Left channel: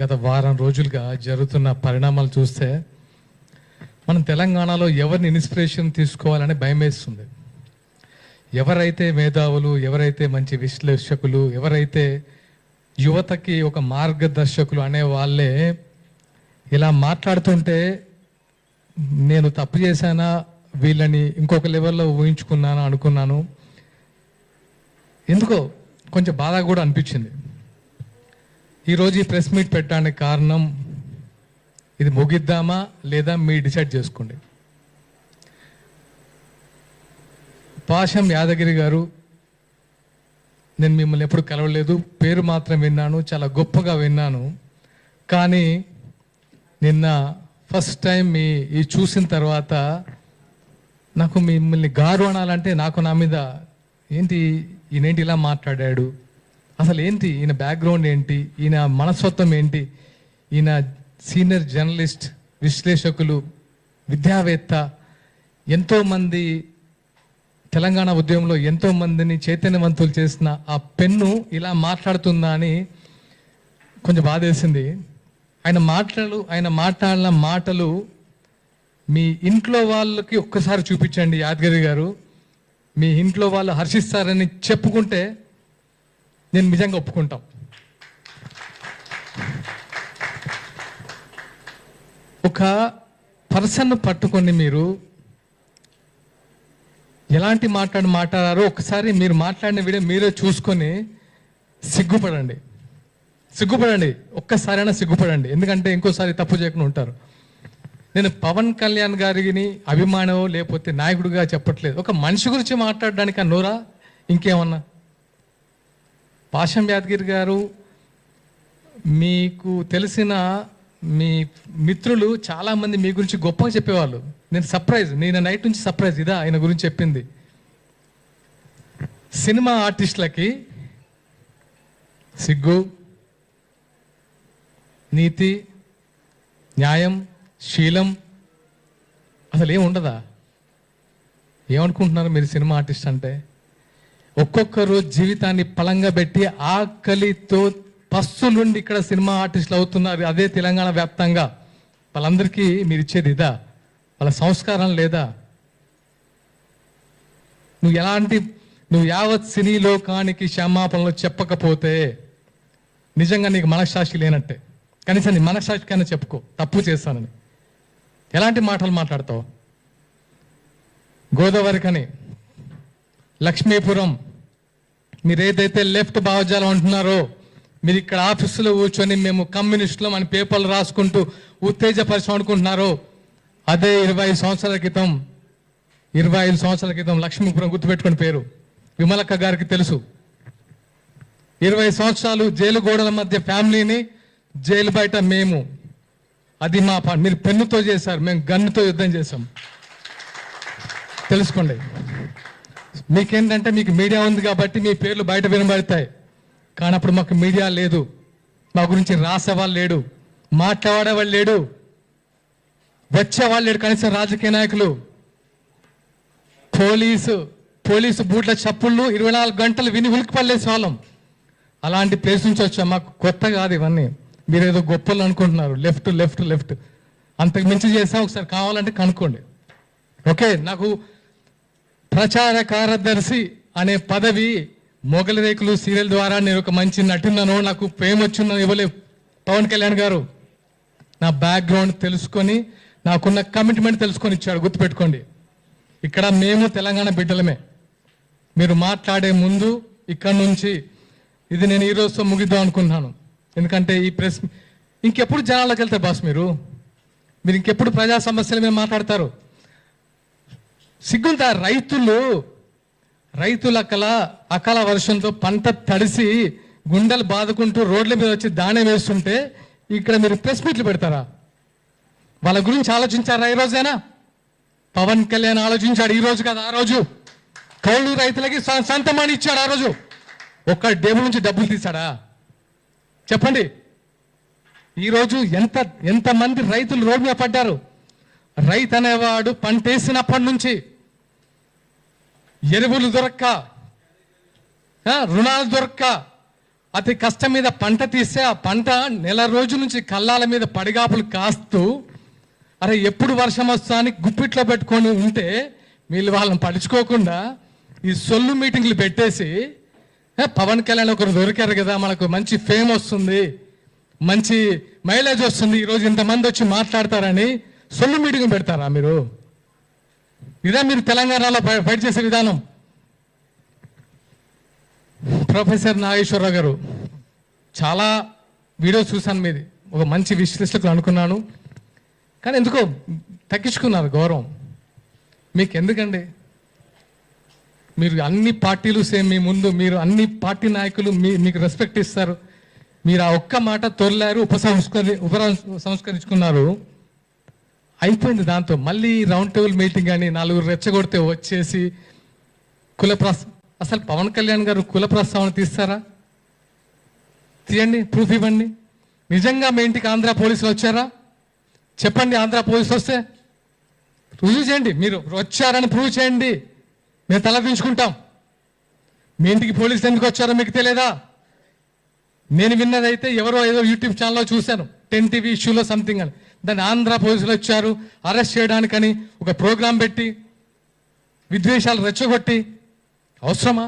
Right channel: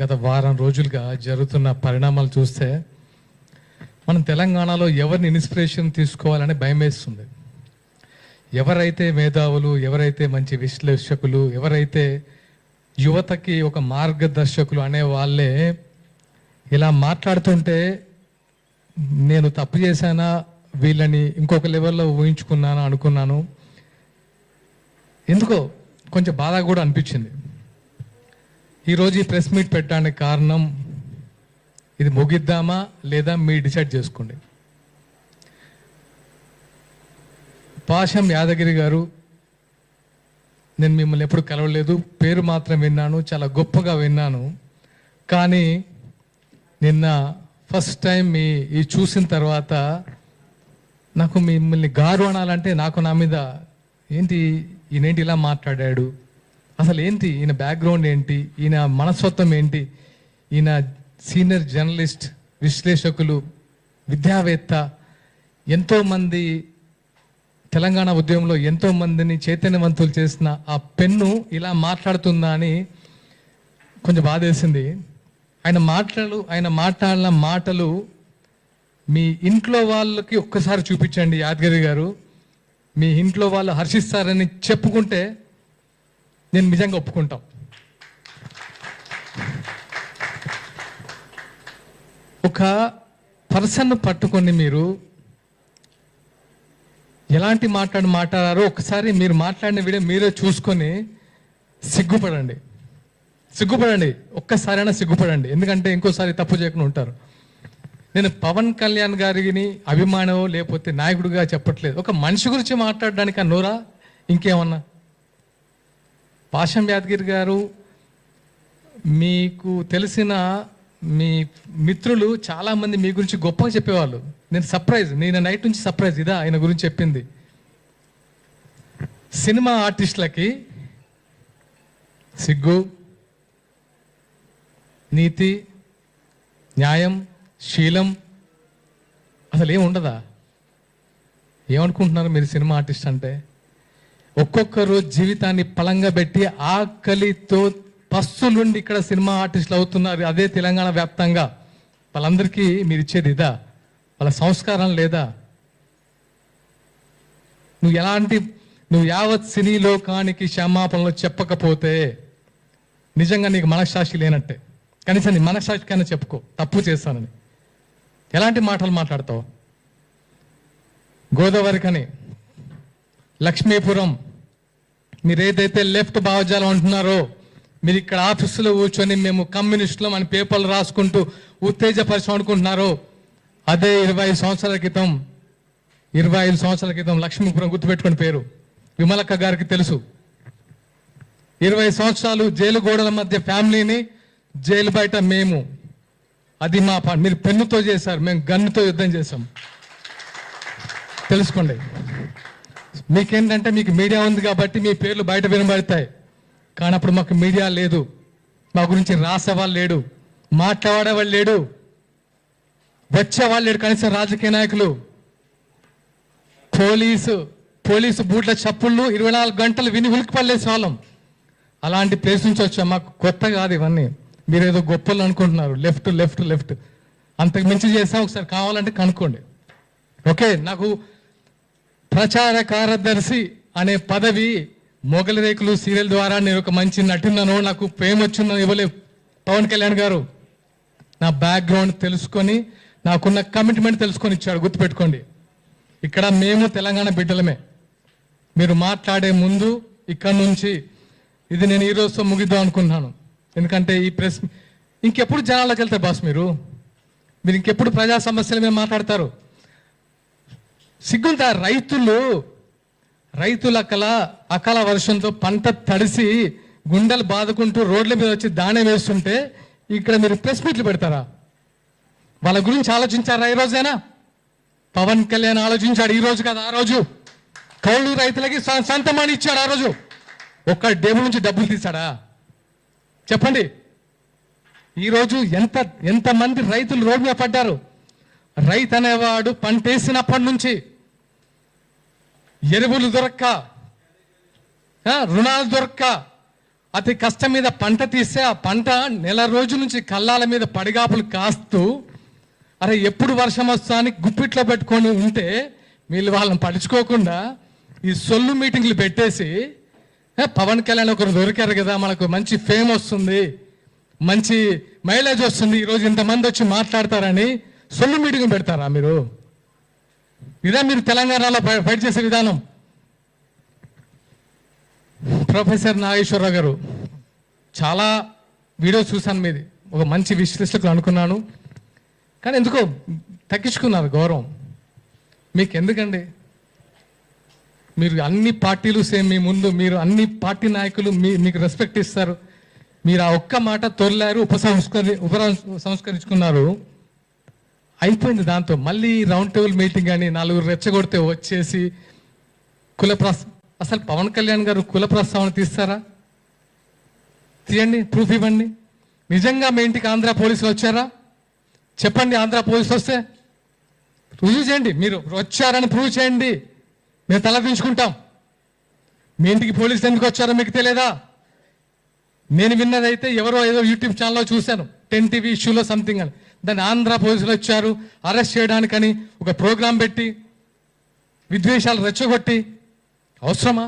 గత వారం రోజులుగా జరుగుతున్న పరిణామాలు చూస్తే మనం తెలంగాణలో ఎవరిని ఇన్స్పిరేషన్ తీసుకోవాలని భయం వేస్తుంది. ఎవరైతే మేధావులు, ఎవరైతే మంచి విశ్లేషకులు, ఎవరైతే యువతకి ఒక మార్గదర్శకులు అనే వాళ్ళే ఇలా మాట్లాడుతుంటే నేను తప్పు చేశానా, వీళ్ళని ఇంకొక లెవెల్లో ఊహించుకున్నాను అనుకున్నాను. ఎందుకో కొంచెం బాధ కూడా అనిపించింది. ఈరోజు ఈ ప్రెస్ మీట్ పెట్టడానికి కారణం, ఇది ముగిద్దామా లేదా మీరు డిసైడ్ చేసుకోండి. పాషం యాదగిరి గారు, నేను మిమ్మల్ని ఎప్పుడు కలవలేదు, పేరు మాత్రం విన్నాను, చాలా గొప్పగా విన్నాను. కానీ నిన్న ఫస్ట్ టైం ఈ చూసిన తర్వాత నాకు మిమ్మల్ని గారు అనాలంటే నాకు నా మీద ఈయనేంటి ఇలా మాట్లాడాడు, అసలు ఏంటి ఈయన బ్యాక్గ్రౌండ్ ఏంటి, ఈయన మనస్తత్వం ఏంటి, ఈయన సీనియర్ జర్నలిస్ట్, విశ్లేషకులు, విద్యావేత్త, ఎంతోమంది తెలంగాణ ఉద్యమంలో ఎంతో మందిని చైతన్యవంతులు చేసిన ఆ పెన్ను ఇలా మాట్లాడుతుందా అని కొంచెం బాధేసింది. ఆయన మాట్లాడిన మాటలు మీ ఇంట్లో వాళ్ళకి ఒక్కసారి చూపించండి యాదగిరి గారు. మీ ఇంట్లో వాళ్ళు హర్షిస్తారని చెప్పుకుంటే నేను నిజంగా ఒప్పుకుంటాం. ఒక పర్సన్ పట్టుకొని మీరు ఎలాంటి మాట్లాడారో ఒకసారి మీరు మాట్లాడిన వీడియో మీరే చూసుకొని సిగ్గుపడండి. ఒక్కసారైనా సిగ్గుపడండి. ఎందుకంటే ఇంకోసారి తప్పు చేయకుండా ఉంటారు. నేను పవన్ కళ్యాణ్ గారిని అభిమానం లేకపోతే నాయకుడిగా చెప్పట్లేదు. ఒక మనిషి గురించి మాట్లాడడానికి నోరా ఇంకేమన్నా? పాషం యాదగిరి గారు, మీకు తెలిసిన మీ మిత్రులు చాలా మంది మీ గురించి గొప్పగా చెప్పేవాళ్ళు. నేను నైట్ నుంచి సర్ప్రైజ్ ఇదా ఆయన గురించి చెప్పింది. సినిమా ఆర్టిస్టులకి సిగ్గు, నీతి, న్యాయం, శీలం అసలు ఏముండదా? ఏమనుకుంటున్నారు మీరు సినిమా ఆర్టిస్ట్ అంటే? ఒక్కొక్కరు జీవితాన్ని పలంగా పెట్టి ఆకలితో పస్తులుండి ఇక్కడ సినిమా ఆర్టిస్టులు అవుతున్నారు. అదే తెలంగాణ వ్యాప్తంగా. వాళ్ళందరికీ మీరు ఇచ్చేది ఇదా? వాళ్ళ సంస్కారం లేదా? నువ్వు యావత్ సినీ లోకానికి క్షమాపణలు చెప్పకపోతే నిజంగా నీకు మనస్సాక్షి లేనట్టే. కనీసం నీ మనస్సాక్షికైనా చెప్పుకో తప్పు చేస్తానని. ఎలాంటి మాటలు మాట్లాడతావు? గోదావరికని, లక్ష్మీపురం, మీరు ఏదైతే లెఫ్ట్ భావజాలం అంటున్నారో, మీరు ఇక్కడ ఆఫీసులో కూర్చొని మేము కమ్యూనిస్టులం అని పేపర్లు రాసుకుంటూ ఉత్తేజపరిచయం అనుకుంటున్నారో, అదే 25 సంవత్సరాల క్రితం లక్ష్మీపురం గుర్తుపెట్టుకుని పేరు విమలక్క గారికి తెలుసు. 20 సంవత్సరాలు జైలు గోడల మధ్య ఫ్యామిలీని, జైలు బయట మేము. అది మా మీరు పెన్నుతో చేశారు, మేము గన్నుతో యుద్ధం చేశాం. తెలుసుకోండి. మీకేంటంటే మీకు మీడియా ఉంది కాబట్టి మీ పేర్లు బయట వినబడతాయి. కానీ అప్పుడు మాకు మీడియా లేదు, మా గురించి రాసేవాళ్ళు లేడు, మాట్లాడేవాళ్ళు లేడు, వచ్చేవాళ్ళు లేడు. కనీసం రాజకీయ నాయకులు, పోలీసు బూట్ల చప్పుళ్ళు 24 గంటలు విని ఉలికిపడలేసే వాళ్ళం. అలాంటి ప్లేస్ నుంచి వచ్చాం. మాకు కొత్త కాదు ఇవన్నీ. మీరు ఏదో గొప్పలు అనుకుంటున్నారు. లెఫ్ట్ అంతకు మించి చేసా. ఒకసారి కావాలంటే కనుక్కోండి. ఓకే, నాకు ప్రచార కార్యదర్శి అనే పదవి మొగలి రేకులు సీరియల్ ద్వారా నేను ఒక మంచి నటున్నాను, నాకు ప్రేమ వచ్చిందని ఇవ్వలేదు పవన్ కళ్యాణ్ గారు. నా బ్యాక్గ్రౌండ్ తెలుసుకొని, నాకున్న కమిట్మెంట్ తెలుసుకొని ఇచ్చాడు. గుర్తుపెట్టుకోండి. ఇక్కడ మేము తెలంగాణ బిడ్డలమే. మీరు మాట్లాడే ముందు ఇక్కడ నుంచి ఇది నేను ఈ రోజుతో ముగిద్దాం అనుకుంటున్నాను. ఎందుకంటే ఈ ప్రెస్ ఇంకెప్పుడు జనాల్లోకి వెళ్తారు బాస్? మీరు ఇంకెప్పుడు ప్రజా సమస్యల మీద మాట్లాడతారు? సిగ్గుందా? రైతుల అకాల వర్షంతో పంట తడిసి గుండెలు బాదుకుంటూ రోడ్ల మీద వచ్చి దాణే వేస్తుంటే ఇక్కడ మీరు ప్రెస్ మీట్లు పెడతారా? వాళ్ళ గురించి ఆలోచించారా? ఈ రోజైనా పవన్ కళ్యాణ్ ఆలోచించాడు. ఈ రోజు కదా, ఆ రోజు కౌలు రైతులకి సొంతమని ఇచ్చాడు. ఆ రోజు ఒక్క డబ్బు నుంచి డబ్బులు తీశాడా? చెప్పండి. ఈరోజు ఎంతమంది రైతులు రోడ్డు మీద పడ్డారు? రైతు అనేవాడు పంటేసినప్పటి నుంచి ఎరువులు దొరక్క, రుణాలు దొరక్క, అతి కష్టం మీద పంట తీస్తే ఆ పంట నెల రోజుల నుంచి కళ్ళాల మీద పడిగాపులు కాస్తూ అరే ఎప్పుడు వర్షం వస్తా అని గుప్పిట్లో పెట్టుకొని ఉంటే వీళ్ళు వాళ్ళని పడుచుకోకుండా ఈ సొల్లు మీటింగ్లు పెట్టేసి పవన్ కళ్యాణ్ ఒకరు దొరికారు కదా, మనకు మంచి ఫేమ్ వస్తుంది, మంచి మైలేజ్ వస్తుంది, ఈరోజు ఇంతమంది వచ్చి మాట్లాడతారని సొల్లు మీటింగ్ పెడతారా మీరు? ఇదే మీరు తెలంగాణలో ఫైట్ చేసే విధానం. ప్రొఫెసర్ నాగేశ్వరరావు గారు చాలా వీడియోస్ చూశాను మీది, ఒక మంచి విశ్లేషకులు అనుకున్నాను, కానీ ఎందుకో తగ్గించుకున్నారు గౌరవం. మీకు ఎందుకండి? మీరు అన్ని పార్టీలు సేమ్ మీ ముందు, మీరు అన్ని పార్టీ నాయకులు మీకు రెస్పెక్ట్ ఇస్తారు. మీరు ఆ ఒక్క మాట తొలిలారు, సంస్కరించుకున్నారు, అయిపోయింది. దాంతో మళ్ళీ రౌండ్ టేబుల్ మీటింగ్ అని నలుగురు రెచ్చగొడితే వచ్చేసి అసలు పవన్ కళ్యాణ్ గారు కుల ప్రస్తావన తీస్తారా? తీయండి, ప్రూఫ్ ఇవ్వండి. నిజంగా మీ ఇంటికి ఆంధ్ర పోలీసులు వచ్చారా? చెప్పండి. ఆంధ్ర పోలీసులు వస్తే రుజువు చేయండి. మీరు వచ్చారని ప్రూవ్ చేయండి, మేము తలదించుకుంటాం. మీ ఇంటికి పోలీసులు ఎందుకు వచ్చారో మీకు తెలియదా? నేను విన్నదైతే ఎవరో ఏదో యూట్యూబ్ ఛానల్లో చూశాను, 10 TV ఇష్యూలో సంథింగ్ అని. దాన్ని ఆంధ్ర పోలీసులు వచ్చారు అరెస్ట్ చేయడానికని ఒక ప్రోగ్రాం పెట్టి విద్వేషాలు రెచ్చగొట్టి అవసరమా?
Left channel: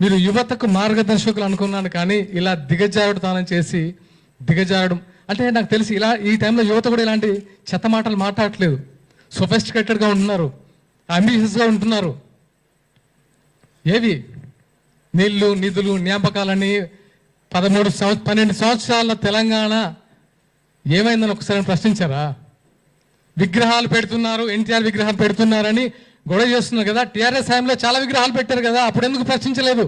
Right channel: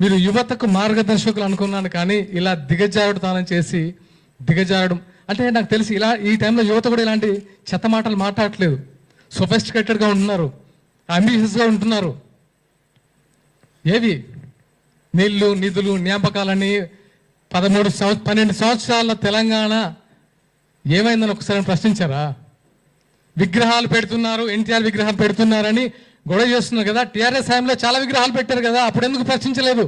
మీరు యువతకు మార్గదర్శకులు అనుకున్నాను, కానీ ఇలా దిగజారుడుతనం చేసి దిగజారడం అంటే నాకు తెలిసి ఇలా ఈ టైంలో యువత కూడా ఇలాంటి చెత్త మాటలు మాట్లాడట్లేదు. సొఫిస్టికేటెడ్గా ఉంటున్నారు, అంబిషియస్గా ఉంటున్నారు. ఏవి నీళ్లు నిధులు జ్ఞాపకాలని 12 సంవత్సరాల తెలంగాణ ఏమైందని ఒకసారి ప్రశ్నించారా? విగ్రహాలు పెడుతున్నారు, ఎన్టీఆర్ విగ్రహం పెడుతున్నారని గొడవ చేస్తున్నారు కదా. టీఆర్ఎస్ హయాంలో చాలా విగ్రహాలు పెట్టారు కదా, అప్పుడు ఎందుకు ప్రశ్నించలేదు?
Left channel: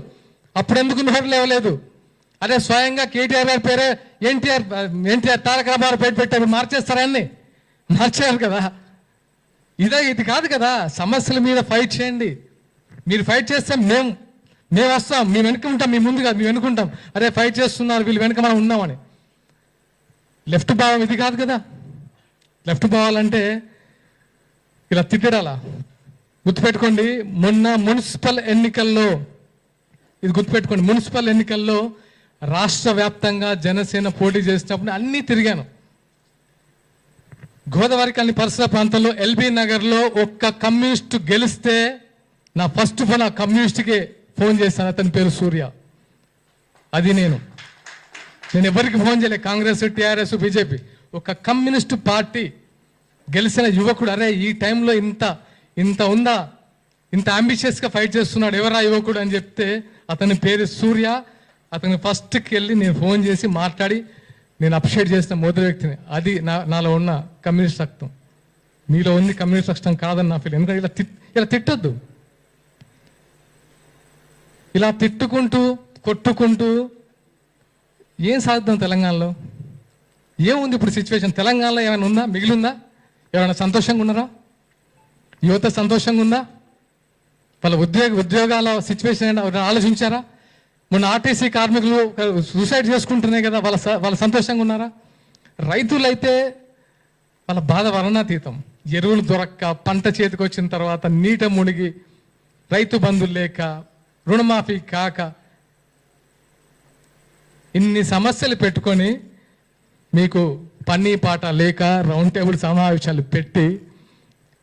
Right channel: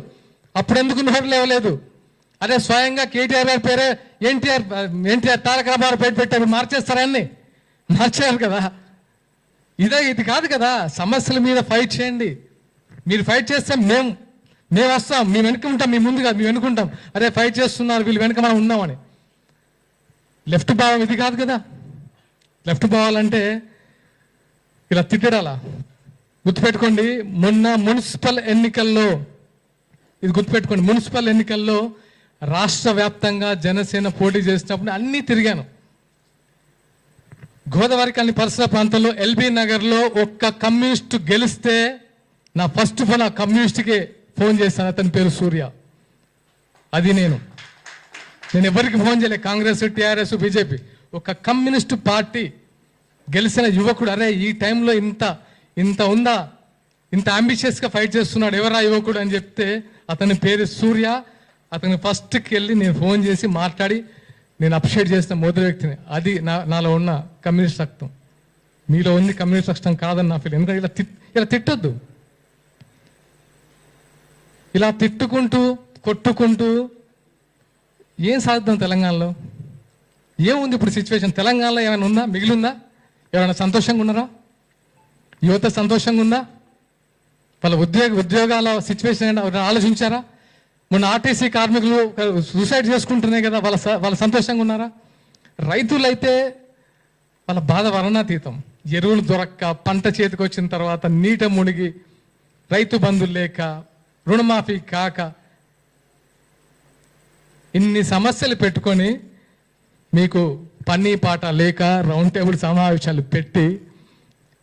అప్పుడు ఎందుకు నోరు లేవలేదు? అదే స్వయంగా కేటీఆర్ గారి పేరే ఎన్టీఆర్ తారక రామారావు పేరు పెట్టారు, మార్చేస్తారని మార్చారు కదా. ఇది కాదు కదా. సమస్యల మీద ఫైట్ చేయండి. మీరు ఫైట్ చేస్తే మేము వస్తాం, మేము వెనుక ఉంటాం, మీ ముందుగా మేము వెనుకుంటాం. అరే ఫైట్ చేస్తున్నారు వీళ్ళు, వెనుక మనం ఉన్నామని. లెఫ్ట్ భావం ఇది కాదు కదా. లెఫ్ట్ భావాలంటే ఇలా తిట్టడాలా? గుర్తుపెట్టుకోండి, మొన్న మున్సిపల్ ఎన్నికల్లో, ఇది గుర్తుపెట్టుకోండి, మున్సిపల్ ఎన్నికల్లో రాష్ట్ర వ్యాప్తంగా జనసేన పోటీ చేసినప్పుడు అన్నీ తిరిగాను. గోదావరి కాలనీ పరిసర ప్రాంతంలో ఎల్బీ నగర్లో ఒక్క కమ్యూనిస్ట్ గెలిస్తే నా ఫస్ట్ ఫోన్ ఆ కమ్యూనిస్ట్కి ఫోన్ చేశాను. అతని పేరు సూర్య. అది నేను ఎవరికి ఫోన్ చేయలేదు, కాంగ్రెస్, టీఆర్ఎస్, బీజేపీ. ఒక కమ్యూనిస్ట్ పార్టీ గెలిచిన యువకుడు, అరే ఈ టైంలో ఇంత ఉందా, ఇంత అంబిషియస్గా ఫైట్ చేస్తున్నాడు, ఎవరా యువకుడు అని చెప్తే అతని పేరు సూర్య. అతని ఫస్ట్కి వెళ్ళి నేను ఫోన్ చేసి మాట్లాడి నేను అప్రిషియేట్ చేసిన మొదటి వ్యక్తిని. అది నాలో ఉన్న కమ్యూనిస్ట్ రక్తం. మీలో ఉంది కమ్యూనిస్ట్ రక్తం కాదని నా ఫీల్. ఎందుకంటే ఇలా తిట్టొద్దు. ఇలా తిట్టుకుంటూ కొట్టుకుంటూ ఏం సాధిద్దాం తెలంగాణలో? ఏముంది ఇప్పుడు సిచ్యువేషన్? తెలంగాణలో ఏమైనా ఉందా? మిగిలిందా? ఎవరైనా సంతోషంగా ఉన్నారా? యువత సంతోషంగా ఉందా? వాళ్ళ ఉద్యోగాల సిచ్యువేషన్ ఆలోచించారా? మొన్న ఆర్టీసీ కార్మికులు సూసైడ్ చేసుకుంటున్నాయి కదా, వాళ్ళ సంతోషంగా ఉన్నారా? రైతులైతే వాళ్ళ బాధ వర్ణాతీతం. ఎరువులు దొరక్క, పంట చేతికి వచ్చిన తర్వాత నీట మునిగి, రైతు బంధులు లేక, రుణమాఫీ కాక, ఇన్ని సమస్యలు పెట్టుకొని మీకు పన్నీ పాట లేక రౌండ్ టేబుల్ సమావేశాలు పెట్టి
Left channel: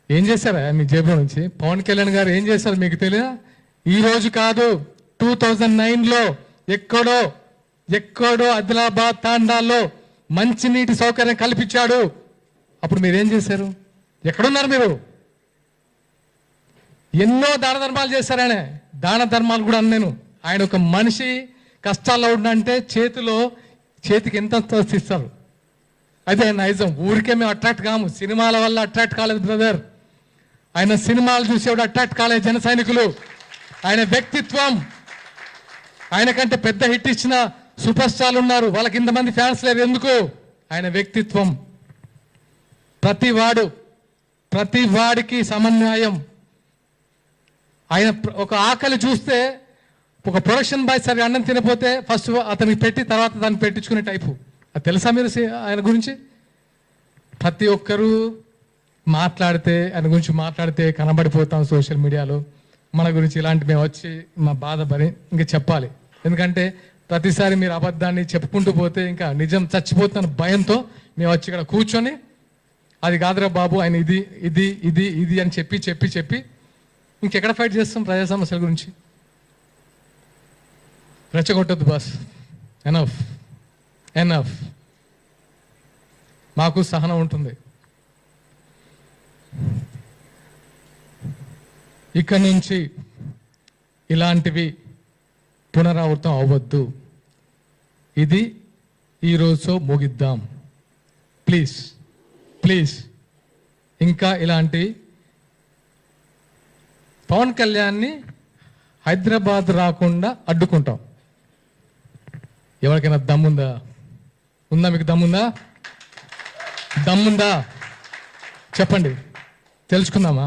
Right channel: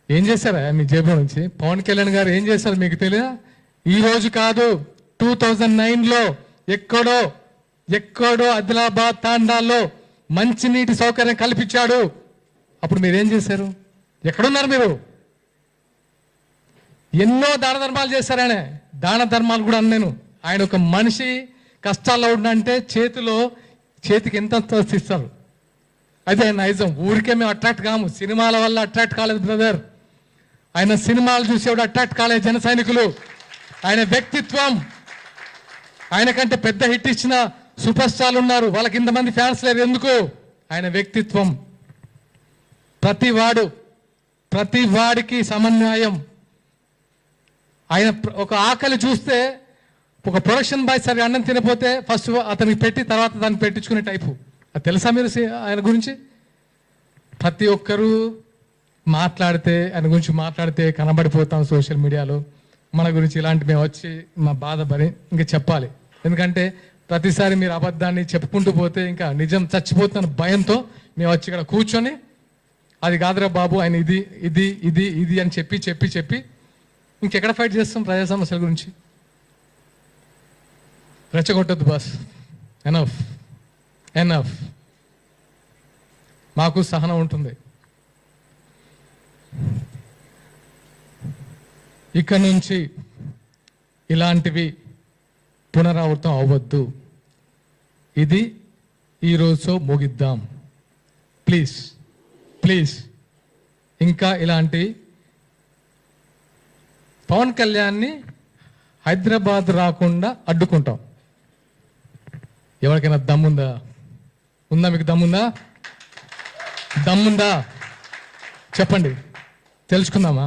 ఏం చేశారా మీ జేబులో నుంచి? పవన్ కళ్యాణ్ గారు ఏం చేశారు మీకు తెలియదా? ఈ రోజు కాదు, 2009లో ఎక్కడో ఆదిలాబాద్ తాండాల్లో మంచినీటి సౌకర్యం కల్పించాడు. అప్పుడు మీరేం చేశారు? ఎక్కడున్నారు మీరు? ఎన్నో దాన ధర్మాలు చేశారు. దాన ధర్మాలు కూడా అన్నాను. ఆయన ఒక మనిషి కష్టాల్లో ఉండంటే చేతికి ఎంత ఇస్తారు. అదే నైజం. ఊరికే మేము అట్రాక్ట్ కాము, సినిమాల వల్ల అట్రాక్ట్ కాలేదు బ్రదర్. ఆయన సినిమాలు చూసేవాడు అట్రాక్ట్ కాలేదు జన సైనికులు. ఆయన వ్యక్తిత్వం, ఆయన కంటే పెద్ద హిట్ ఇచ్చిన సూపర్ స్టార్లు ఉన్నారు, వాళ్ళకి ఇంతమంది ఫ్యాన్స్ లేరు. ఎందుకు? ఆయన వ్యక్తిత్వం. ప్రతి వాడికి సమన్వయం. ఆయన ఒక ఆకలి చూస్తే ఒక ప్రొడక్షన్ బాయ్ సరిగా అన్నం తినపోతే ఫస్ట్ అతనికి పెట్టి తర్వాత దాన్ని పెట్టించుకునే టైపు. అది తెలుసా మీరు ఆయన గురించి? ప్రతి ఒక్కరూ ఆయన గురించి మాట్లాడితే కనబడిపోతాం సోషల్ మీడియాలో. మన గురించి ఇలాంటి మేము వచ్చి మా బాధ ఇంకా చెప్పాలి. ఎందుకంటే ప్రతిసారి మీరు అబద్ధాన్ని చెప్పుకుంటూ పోతే ఇంకా నిజం చచ్చిపోతున్న భయంతో మేము వచ్చి ఇక్కడ కూర్చొని అది కాదురా బాబు ఆయన ఇది ఇది ఇది ఇది అని చెప్పి చెప్పి చెప్పి ఇంకెక్కడ ఫైట్ చేస్తాం ప్రజా సమస్యల గురించి. రెచ్చగొట్టద్దు బాస్, ఎనఫ్ ఎనఫ్. మాకు సహనం ఉంటుంది. ఇక్కడ నుంచి ఇలాంటివి పునరావృతం అవ్వద్దు. ఇది ఈరోజు ముగిద్దాం ప్లీజ్ ప్లీజ్. ఇంకా ఇలాంటి పవన్ కళ్యాణ్ని హైదరాబాద్ రాకుండా అడ్డుకుంటాం. ఎవరికైనా దమ్ముందా? ఉందా? మీకు దమ్ముందా? దమ్ముందా చెప్పండి, తెలుసుకుందామా?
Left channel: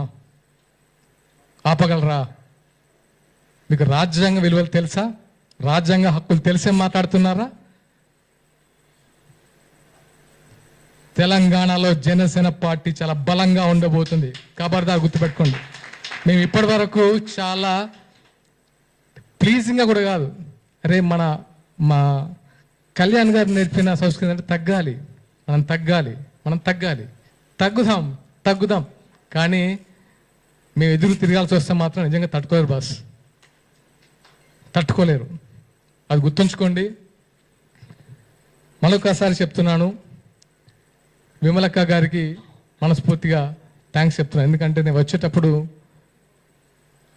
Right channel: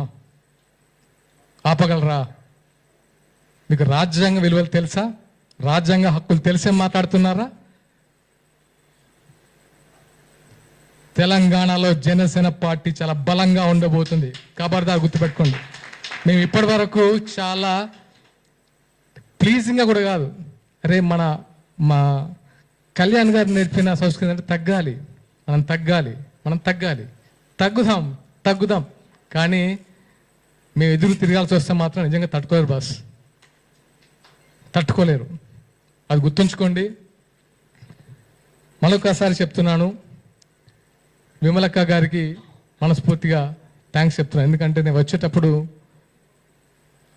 ఆపగలరా? మీకు రాజ్యాంగ విలువలు తెలుసా? రాజ్యాంగ హక్కులు తెలిసే మాట్లాడుతున్నారా? తెలంగాణలో జనసేన పార్టీ చాలా బలంగా ఉండబోతుంది. ఖబర్దార్ గుర్తుపెట్టుకోండి. మేము ఇప్పటి వరకు చాలా ప్లీజింగ్గా కూడా కాదు, అరే మా కళ్యాణ్ గారు నేర్పిన సంస్కృతి అంటే తగ్గాలి, మనం తగ్గుదాం. కానీ మేము ఎదురు తిరగాల్సి వస్తే మాత్రం నిజంగా తట్టుకోలేరు బాస్, తట్టుకోలేరు. అది గుర్తుంచుకోండి. మరొకసారి చెప్తున్నాను, విమలక్క గారికి మనస్ఫూర్తిగా థ్యాంక్స్ చెప్తున్నాను. ఎందుకంటే నేను వచ్చేటప్పుడు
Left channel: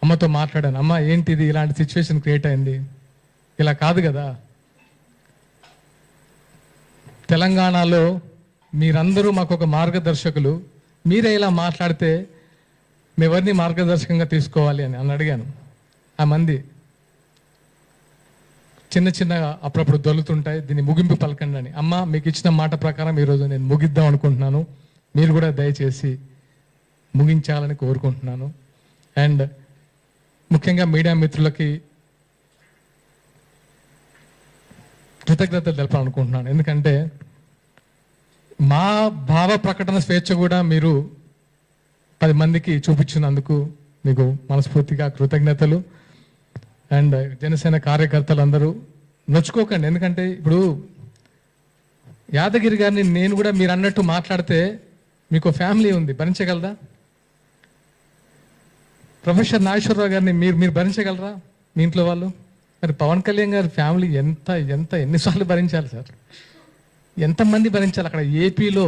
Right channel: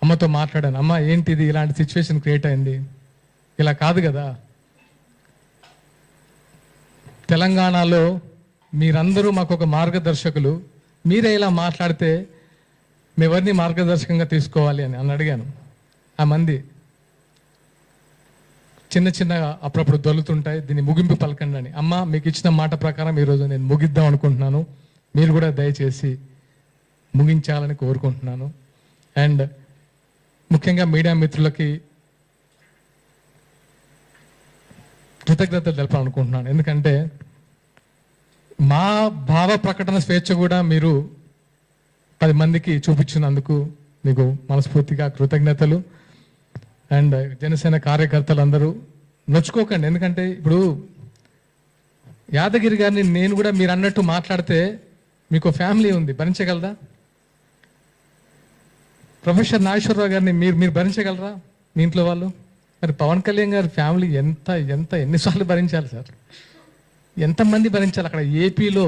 అమ్మతో మాట్లాడాను. అమ్మ ఏంటిది ఇలాంటి సిచ్యువేషన్ క్రియేట్ అయింది, ఇలా కాదు కదా. తెలంగాణలో మీరందరూ మాకు ఒక మార్గదర్శకులు, మీరే ఇలా మాట్లాడితే మేమెవరిని మార్గదర్శకంగా తీసుకోవాలి అని అడిగాను. ఆ మంది చిన్న చిన్న అప్పుడప్పుడు దొలుతుంటాయి, దీన్ని ముగింపు పలకండి అని. అమ్మ మీకు ఇచ్చిన మాట ప్రకారం ఈరోజు నేను ముగిద్దాం అనుకుంటున్నాను, మీరు కూడా దయచేసి ముగించాలని కోరుకుంటున్నాను. అండ్ ముఖ్యంగా మీడియా మిత్రులకి కృతజ్ఞతలు తెలపాలనుకుంటున్నాను. ఎందుకంటే మా భావ ప్రకటన స్వేచ్ఛ కూడా మీరు 10 మందికి చూపించినందుకు మీకు మనస్ఫూర్తిగా కృతజ్ఞతలు. అండ్ జనసేన కార్యకర్తలు అందరూ నొచ్చుకోకండి. ఎందుకంటే ఇప్పుడు యాదగిరి గారిని నేను కూడా మీరు అన్నట్టు మాట్లాడితే మీకు ఫ్యామిలీ ఉంది, భరించగలరా? ప్రొఫెసర్ నాగేశ్వరరావు గారిని మీరు భరించగలరా మీ ఇంట్లో వాళ్ళు? మరి పవన్ కళ్యాణ్ గారి ఫ్యామిలీ ఎన్నిసార్లు భరించాలి సార్? ఎంతమంది భరించాలి? అక్కడ ఏపీలో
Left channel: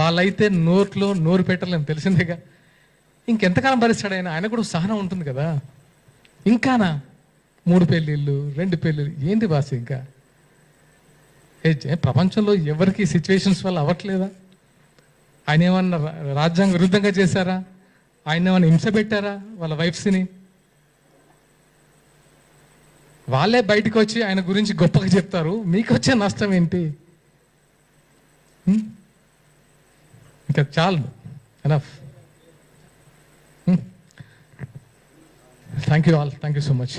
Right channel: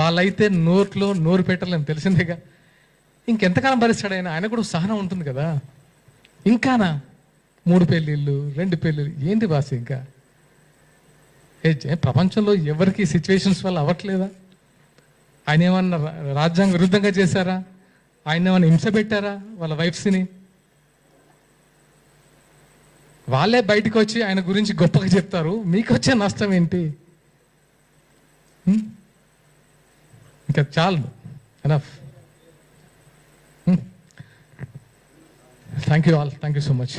వాళ్ళైతే నోరు పెట్టలేము, తెలిసిందేగా. ఇంకెంతకాలం భరిస్తాడు ఆయన? ఆయన కూడా సహనం ఉంటుంది కదా. ఇంకానా 3 పెళ్ళిళ్ళు 2 పెళ్ళిళ్ళు ఏంటి బాస్? ఇంకా ప్రపంచంలో ఎవరికి సిచ్యువేషన్స్ వల్ల అవ్వట్లేదా? ఆయన ఏమన్నా రాజ్యాంగ విరుద్ధంగా చేశారా? ఆయన ఏమైనా హింస పెట్టారా వాళ్ళ వైఫ్స్ని? వాళ్ళే బయటకు వచ్చి ఆయన గురించి గొప్పగా చెప్తారు, మీకు వచ్చే నష్టం ఏంటి? ఇంకా చాలు, enough. Thank you all, thank you so much.